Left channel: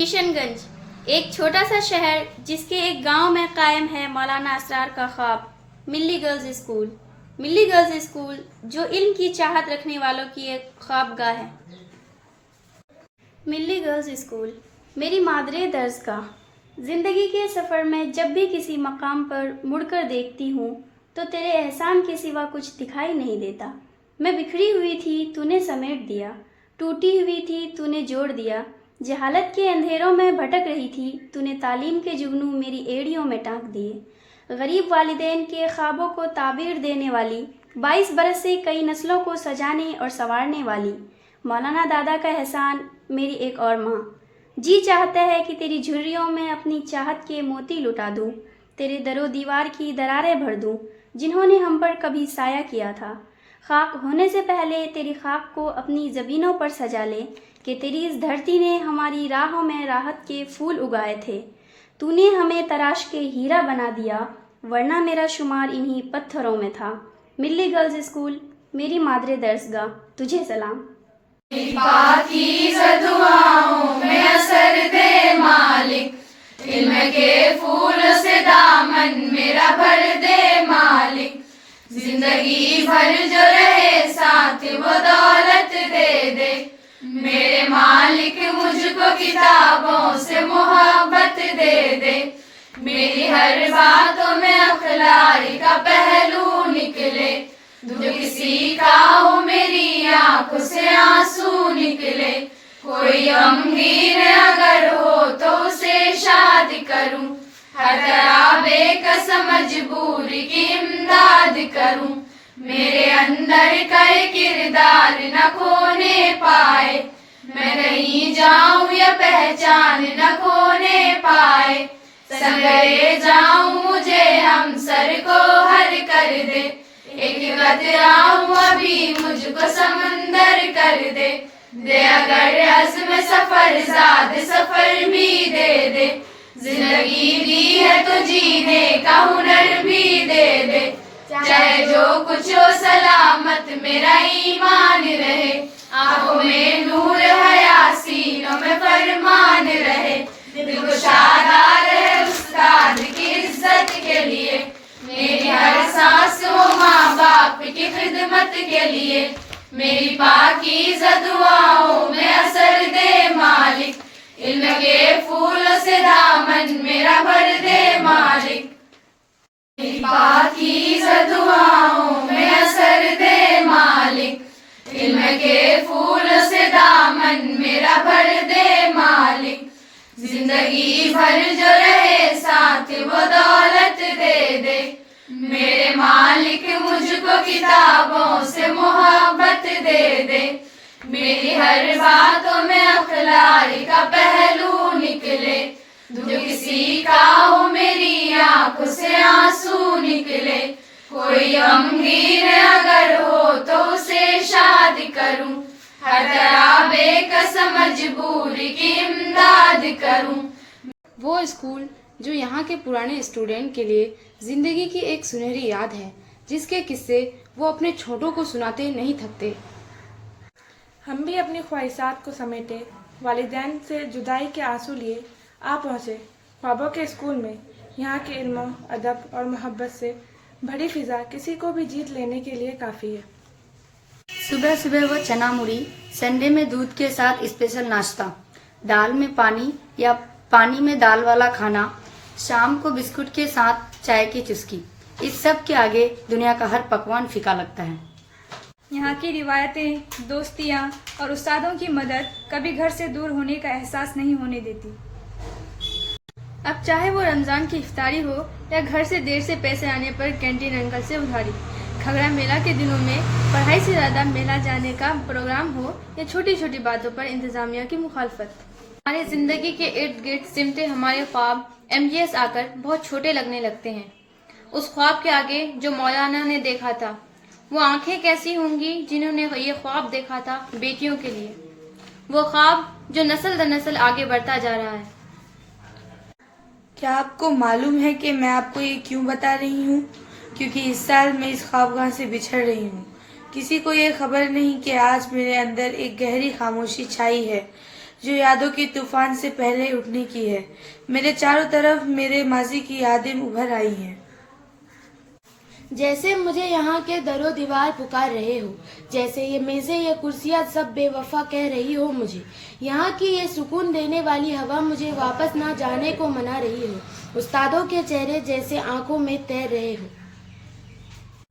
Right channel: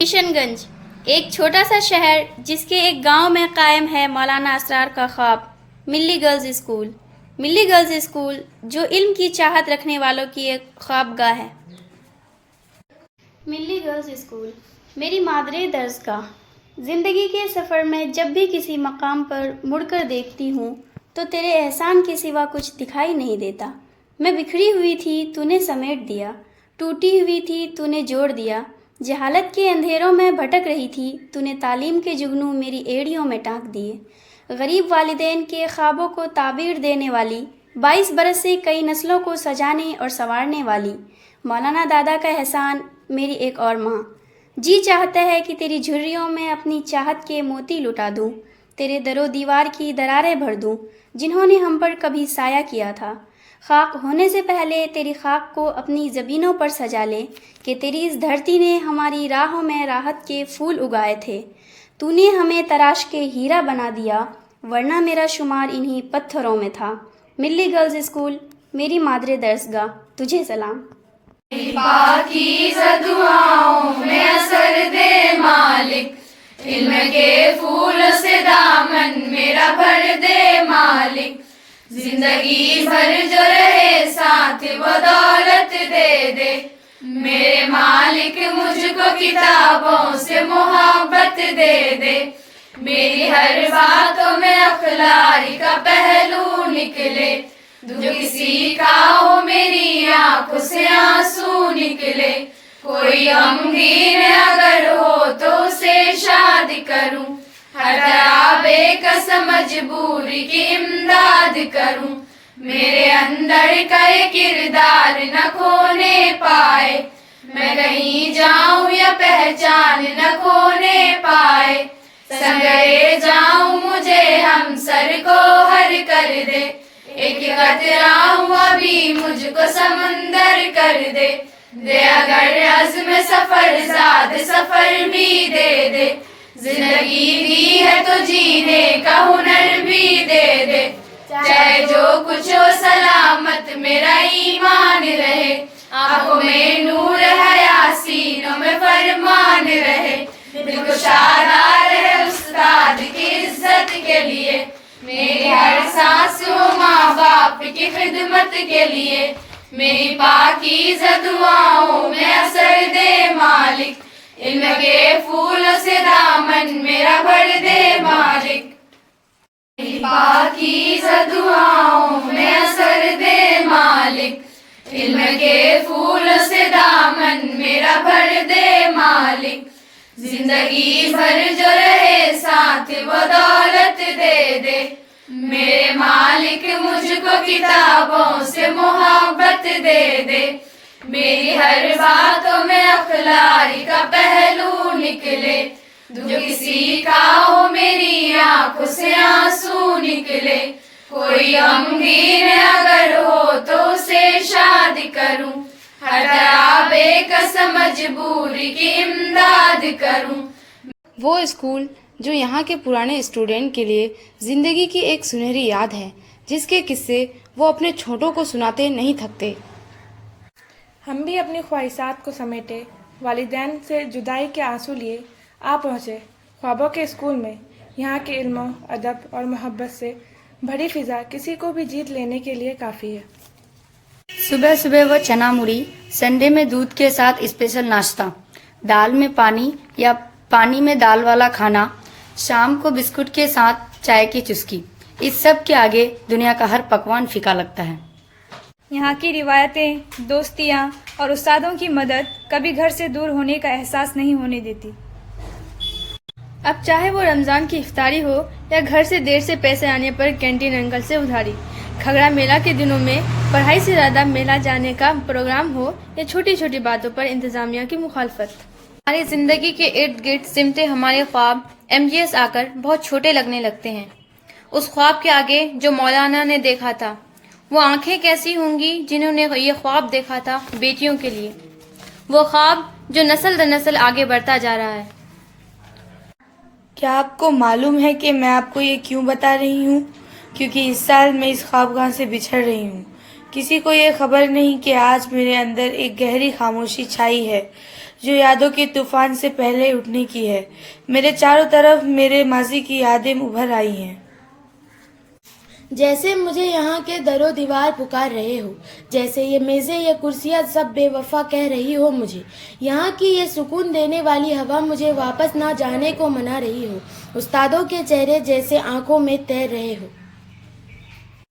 کشن گنج ایک چھوٹا سا شہر جس کے ایک گاؤں میں قائم ہے مولانا اسرار کا خواب ملی گرلز اسکول۔ ملی گرلز اسکول جو علم کی چاہت رکھنے والوں کی ایک خوابگاہ ہے۔ ملی گرلز اسکول میری مادری درسگاہ۔ زندگی کے سفر میں جب بھی کسی مقام پر مڑ کر دیکھتی ہوں تو تیرے احسان کے سوا کچھ دکھائی نہیں دیتا۔ میں بکھری ہوئی تھی تو نے سمیٹ دیا، ٹوٹی ہوئی تھی تو نے جوڑ دیا، جہالت کے اندھیروں میں بھٹک رہی تھی تو نے تعلیم کے جگنو میری ایڑیوں میں ٹانک دیے۔ غریب والدین کے خوابوں کو تعبیر دینے والی، 22 برس سے کئی نسلوں کو سجانے اور سنوارنے والی مولانا دادا کا احسان میری ایک اور ماں۔ جی چاہتا ہے کہ تیری جھریوں میں اپنی چاہت کے موتی لٹا دوں، تیرے در و دیوار کی دراریں بھر دوں جنہوں نے ہم پر کبھی سایہ کیا تھا۔ خاک ہونے سے پہلے تیری خاک کو اپنی زمینوں پر سجا لے کہ تیری اس دھرتی نے ہماری راہوں میں راحت کے پھول اگائے تھے۔ تو نے ہمیں تراش کے ہیرا بنا دیا، ورنہ میرا شمار انہی پتھروں میں تھا۔ ملی گرلز اسکول میری مادری درسگاہ، تجھے سلام۔ پاکیزہ دعاؤں میں اثر دے مالک، علم کے پھولوں سے دامن میرا بھر دے مالک، زندگی بھر جو رہے ساتھ وہ دولت دے دے، میرے مالک مجھ کو کتابوں سے محبت دے دے، میری ہر باتوں میں اخلاق کا پہلو نکلے، جو کسی کا ہو میری آنکھوں سے آنسو نکلے، کوئی غمگین اگر ہو تو اسے شاد کروں، ہر طرح بے کس مجبوری کی امداد کروں، میرے اندر کا یہ کردار نہ کھونے پائے، میں کہیں جاؤں یا پہچان نہ کھونے پائے، سنگرے جاؤں مجھے ہم سر کو ہر کر دے، ایک قطرہ ہوں ابھی مجھ کو سمندر کر دے، دے اگر عزم سفر زاد سفر بھی دے دے، زندگی دی ہے تو جینے کا ہنر بھی دے دے، چاہے جو کچھ ہو سلامت میرا ایمان رہے، آنکھوں میں نور حیا سینوں میں فرمان رہے، دل کو شادار ہے استاد کی عزت کے لیے، میری ہر سانس ہو ماں باپ کی خدمت کے لیے، میری پاکیزہ دعاؤں میں اثر دے مالک، علم کے پھولوں سے دامن میرا بھر دے مالک، میری پاکیزہ دعاؤں میں اثر دے مالک، علم کے پھولوں سے دامن میرا بھر دے مالک، زندگی بھر جو رہے ساتھ وہ دولت دے دے، میرے مالک مجھ کو کتابوں سے محبت دے دے، میری ہر باتوں میں اخلاق کا پہلو نکلے، جو کسی کا ہو میری آنکھوں سے آنسو نکلے، کوئی غمگین اگر ہو تو اسے شاد کروں، ہر طرح بے کس مجبوری کی امداد کروں۔ وہ اسکول جو یہاں کے پرانے اسٹوڈنٹ کے لیے زندگی کی ایک سنہری یاد ہے، جس کے قصے وہ اپنے چھوٹوں کو سناتے نہیں تھکتے۔ ہم بھی اپنی خواہشات کو سمیٹے، والدین سے جدائی کے آنسو لیے آ پہنچے خوابوں کے اسکول میں۔ یہاں کے علم و ادب اور محبت سے بھری فضا کسی کو بھی جیت لینے کے لیے کافی ہے۔ صبح صبح وہ چنا مڑی، سنڈے میں دودھ کے ساتھ اسپیشل ناشتہ، دال میں پانی یا پانی میں دال والا کھانا، شام کو بسکٹ کے ساتھ چائے کی چسکی، اس سب کے آگے دنیا کا ہر پکوان پھیکا لگتا ہے۔ یہاں کی روایتیں، دوستیاں اور استادوں کی مدد کبھی گھر سے دور ہونے کا احساس نہیں ہونے دیتی۔ اب چاہے وہ رمضان کی افطاری ہو یا گھر سے دیر سے پیسے آنے پر کینٹین انکل سے ادھاری، کھگڑا میلہ کے دنوں میں پڑھائی سے زیادہ میلہ جانے کا پروگرام ہو یا چھوٹی چھوٹی باتوں پر انتظامیہ کی مخالفت، ہماری زندگی کے ارد گرد سمٹے ہمارے خواب MGS آ کر بہت چھوٹے لگنے لگتے ہیں۔ اس خواب کے آگے جو مولانا نے دیکھا تھا، وہ آنکھیں کیسی ہوں گی جنہوں نے یہ خواب دیکھا تھا بیٹیوں کے لیے، وہ خواب جو نسل در نسل آگے بڑھتا جا رہا ہے۔ کیا آپ کو معلوم ہے کہ میں آپ کو یہ کیوں بتا رہی ہوں؟ کیونکہ اس سال میں اس خوابگاہ سے بچھڑ رہی ہوں۔ کسی کو یہ خبر نہیں کہ آج میرے اندر ایک گہری خاموشی چھائی ہے جو یادوں کے طوفان سے پہلے اٹھنے کی ہے. میرے چاروں طرف میرے ماضی کی یادیں ابھر آئی ہیں. جیسے مجھے یہاں کے در و دیوار پکار رہے ہو، جیسے یہ میزیں یا کرسیاں سب بے وفا کہہ رہی ہو مجھے. یہاں کی یہ سکون دینے والی ہوا مجھے واپس نہ جانے کو منا رہی ہو. استادوں کے چہرے جیسے آنکھوں میں تیر رہے ہو.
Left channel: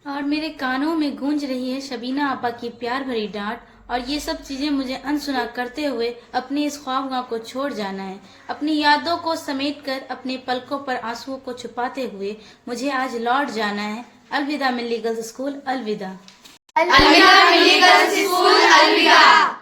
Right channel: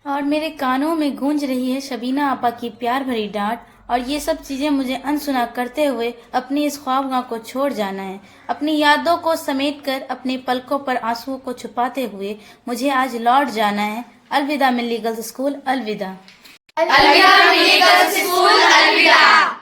اور میرے کانوں میں گونج رہی ہے شبینہ آپا کی پیار بھری ڈانٹ. اور یہ سب چیزیں مجھے انسنا کرتے ہوئے اپنی اس خوابگاہ کو چھوڑ جانا ہے. اپنی یادوں کو سمیٹ کر اپنے پلکوں پر آنسوؤں کو چھپاتے ہوئے مجھے آج لوٹ جانا ہے. الوداع ملی گرلز اسکول، الوداع. الوداع ملی گرلز اسکول، الوداع.